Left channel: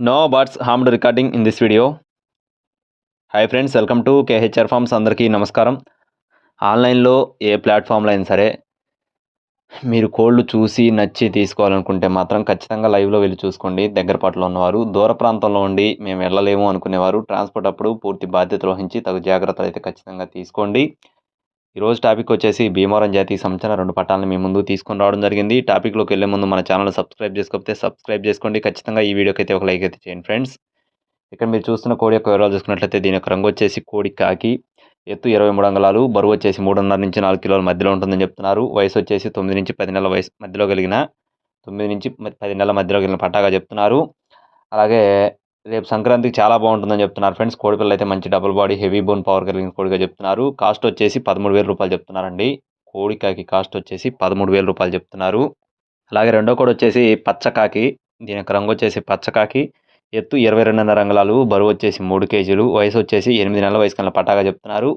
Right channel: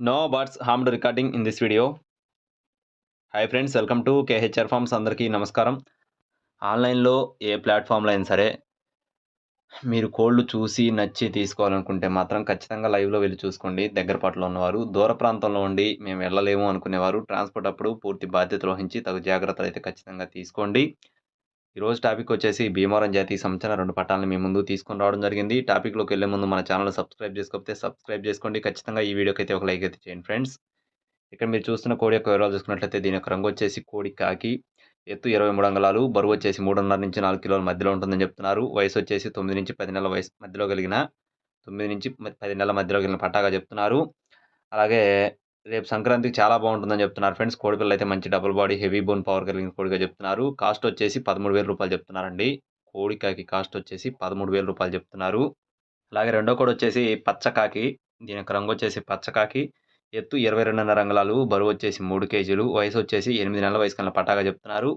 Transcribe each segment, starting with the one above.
No birds harmed recording in this video. Hi friends welcome to KHR farms అందరికీ నమస్కారం. ఆన్లైన్లో ఏ ప్లాట్ఫామ్లో అయినా సరే మీరు కోళ్ళు చూసి నచ్చి తీసుకోవాలనుకుంటే మాత్రం ఖచ్చితంగా లైవ్లో వెళ్ళి చూసుకోండి. దగ్గరపాట్లో ఉన్నవారు దూర ప్రాంతంలో ఉండి మేము వెళ్ళలేము అనుకునేవారు. ట్రాన్స్పోర్ట్ అప్పుడు పూర్తి బాధ్యత వహించి తగు జాగ్రత్తలు అయితే ఖచ్చితంగా తీసుకోండి. ఈరోజు టాపిక్ వచ్చేసి భీమవరం జాతికి సంబంధించిన రెండు పట్టాలను మీ ముందు తీసుకుని రావడం జరిగింది. టాపిక్లోకి వెళ్ళే ముందు మన ఛానల్ సబ్స్క్రైబ్ చేసుకోకపోతే సబ్స్క్రైబ్ చేసుకోండి. ఖచ్చితంగా ఈ వీడియోకి అయితే ఒక లైక్ అయితే చేయండి ఫ్రెండ్స్. ఇక్కడ మీరు చూస్తున్న కోడి యొక్క వివరాలు చూసుకున్నట్లయితే దీని యొక్క రంగు వచ్చేసి కోడి కాకి. ఎత్తు ఇరవై మూడు అంగళాలు బరువు వచ్చేసి మూడున్నర నుంచి నాలుగు కిలోల మధ్యలో ఉంటుందని చెప్తున్నారు. వయసు వచ్చేసి తొమ్మిది నుంచి పది నెలల వయసు మధ్యలో కలిగిన తొమ్మిది నుంచి పది నెలల మధ్యలో కలిగిన పట్టాగా చెప్తున్నారు. అలాగే రేపు సంక్రాంతికి చాలా బాగుంటుందని చెప్తున్నారు ఫ్రెండ్స్. కోడిపిల్ల అయితే మంచి double body heavy bone power కలిగిన కోడిగా చెప్తున్నారు. కాస్ట్ వచ్చేసి పదమూడు వేల రూపాయలు చెప్తున్నారండి. కోడికాకి కాస్ట్ వచ్చేసి పదమూడు వేల రూపాయలు చెప్తున్నారు. అలాగే రెండో కోడి వచ్చేసి పచ్చకాకి దీని యొక్క రంగు వచ్చేసి పచ్చకాకి. ఎత్తు ఇరవై రెండున్నర రంగులాలు బరువు వచ్చేసి మూడు కేజీలు వయసు వచ్చేసి ఎనిమిది నెలల వయసు కన్నా పటాగా చెప్తున్నారు.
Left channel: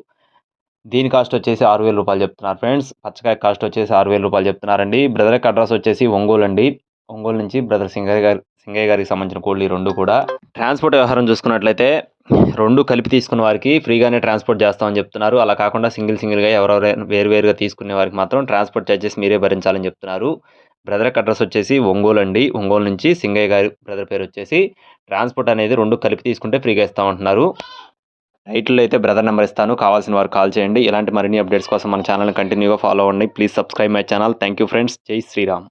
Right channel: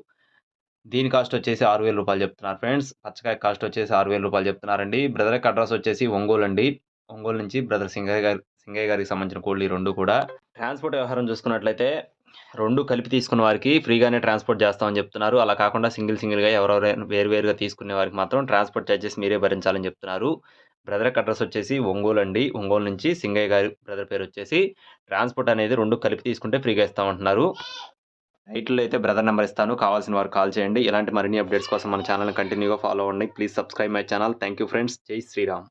దీని కాస్ట్ వచ్చేసి ఆరు వేల రూపాయలు చెప్తున్నారు ఫ్రెండ్స్. పచ్చకాయ కాస్ట్ వచ్చేసి ఆరు వేల రూపాయలు చెప్తున్నారండి. బ్రదర్ యొక్క అడ్రస్ వచ్చేసి ఒంగోలు అండి. ఒంగోలు నుంచి బ్రదర్ సింగయ్య గారి సింగయ్య గారికి సంబంధించిన కోళ్ళు ఈ రెండు కూడా. ట్రాన్స్పోర్ట్ వ్యవహారం చూసుకున్నట్లయితే రెండు కలిపి తీసుకున్న వారికి ఫ్రీగానే ట్రాన్స్పోర్ట్ చేస్తామని చెప్తున్నారు. అలా కాకుండా సింగిల్ సింగిల్గా ఎవరెవరు వేరువేరుగా తీసుకునే వారికి మాత్రం ట్రాన్స్పోర్ట్ ఛార్జెస్ మీరే భరించాలని చెప్తున్నారు. బ్రదర్ అడ్రస్ వచ్చేసి ఒంగోలు అండి. ఒంగోలు నుంచి సింగయ్య గారి బ్రదర్ పేరు వచ్చేసి ట్రాన్స్పోర్ట్ అనేది రెండు కలిపి తీసుకుంటే ఫ్రీగా ఇస్తామంటున్నారు. టైటిల్లో అయితే బ్రదర్ నెంబర్ ఇస్తాను. కావాల్సిన వారు కాల్ చేయండి. ఇలాంటి మరిన్ని అప్డేట్స్ కోసం మన ఛానల్ని కంటిన్యూగా ఫాలో అవ్వండి. Please subscribe my channel. Thank you friends. జై శ్రీరామ్.